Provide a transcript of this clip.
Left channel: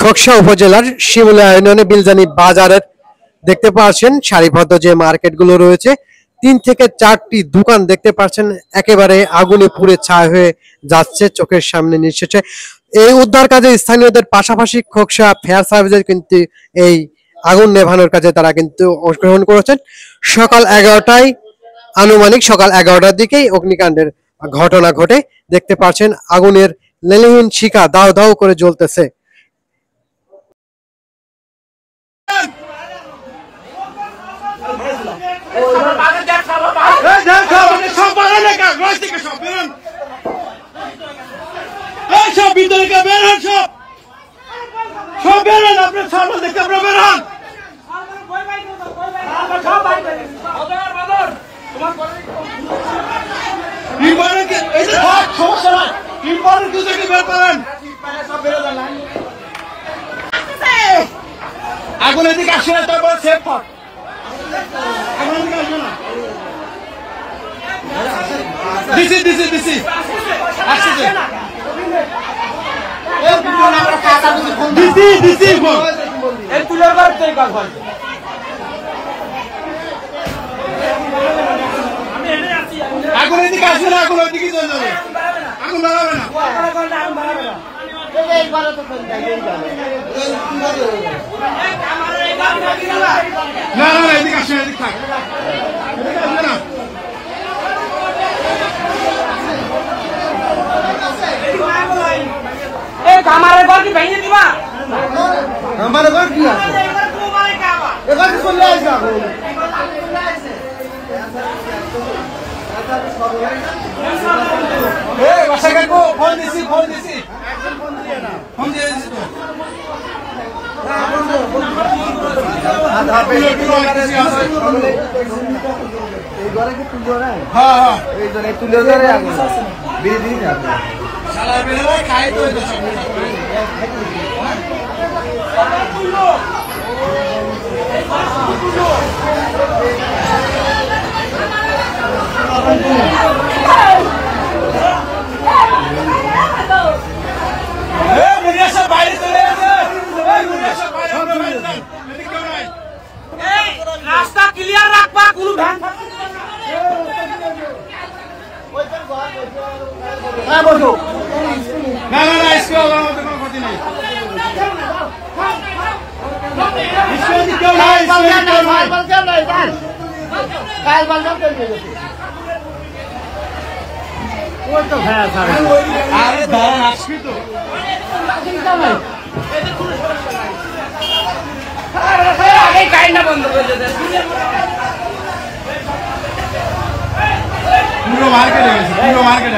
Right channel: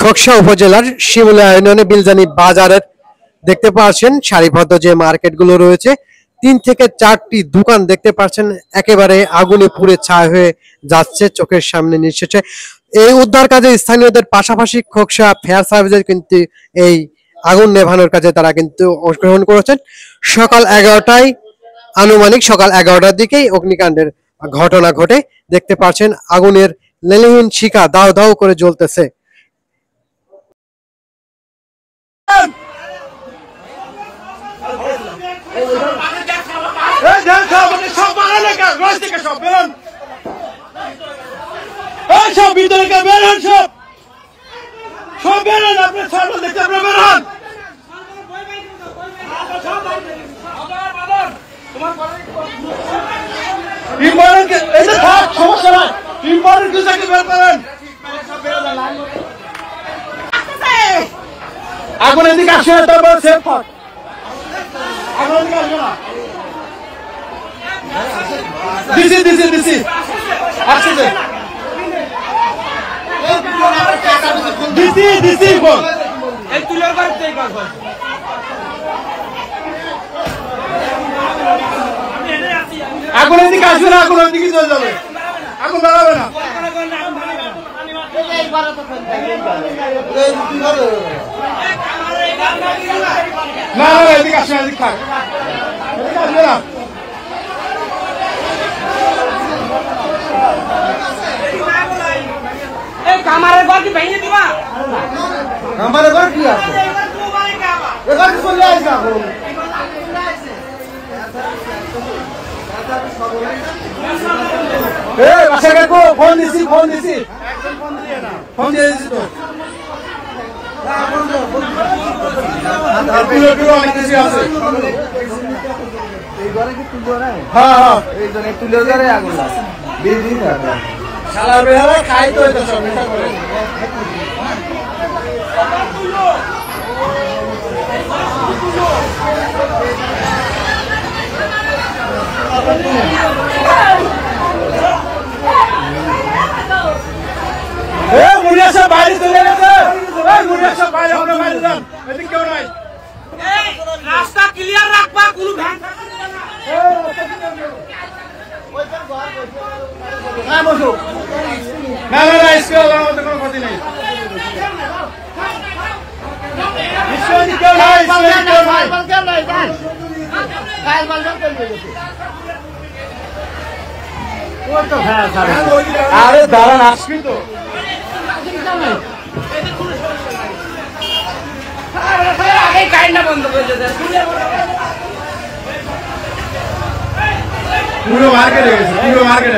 খোকসা উপজেলার শিমুলিয়া ইউনিয়নে বিলজানি বাজারের দেখতে পাচ্ছেন সারিবদ্ধ যে মার্কেটগুলো রয়েছে, 3 থেকে 4টি দোকান দেখতে পাচ্ছেন একেবারে আগুনে পুড়ে ছাই হয়ে যাচ্ছে চোখের সামনে নিঃশেষে। এই উদ্ধার কাজে স্থানীয়দের পাশাপাশি খোকসা ফায়ার সার্ভিসের কিন্তু এই আগুন নেভানোর কাজে তারা কিন্তু অংশগ্রহণ করেছেন। আনুমানিক সকাল 11টার দিকেই অগ্নিকাণ্ডের ঘটনা ঘটে। দেখতে পাচ্ছেন আগুনের লেলিহান শিখা দাউ দাউ করে জ্বলতেছে। আগুন এদিকে আসছে দিছি দিছি দিছি দিছি দিছি এই তুলার কাজ থেকে কাজ হয়। আগুন এদিকে আসবে না, আগুন এদিকে চলে যাবে, আগুন দাঁড়াবে না। না না এদিকে আসবে না, এদিকে থাক, এদিকে আসবে না। কামারের ঘর কি ভেঙে দিবা? কামারের ঘর কি আছে? এবার চলে আসবে আগুন। ফোন দিছি ফোন দিছি ফোন দিয়ে দিছি তো। এই ঘরে কি তুলো না? হ্যাঁ হ্যাঁ এই জন্য তুলো ঘরে আগুন আছে। বিড়ি না শালা বেহারা খাই তো এটা সব মিটা করে। রাস্তা ক্লিয়ার রাখবা, কোনো ভ্যান না না না इसके अलावा तो कोई ক্ষতি নেই। আরে দাঁড়ান আসবি তো। আগে কারেন্টটা বন্ধ করে দিতে পুরো মার্কেট হয়ে গেছে, পুরো মার্কেট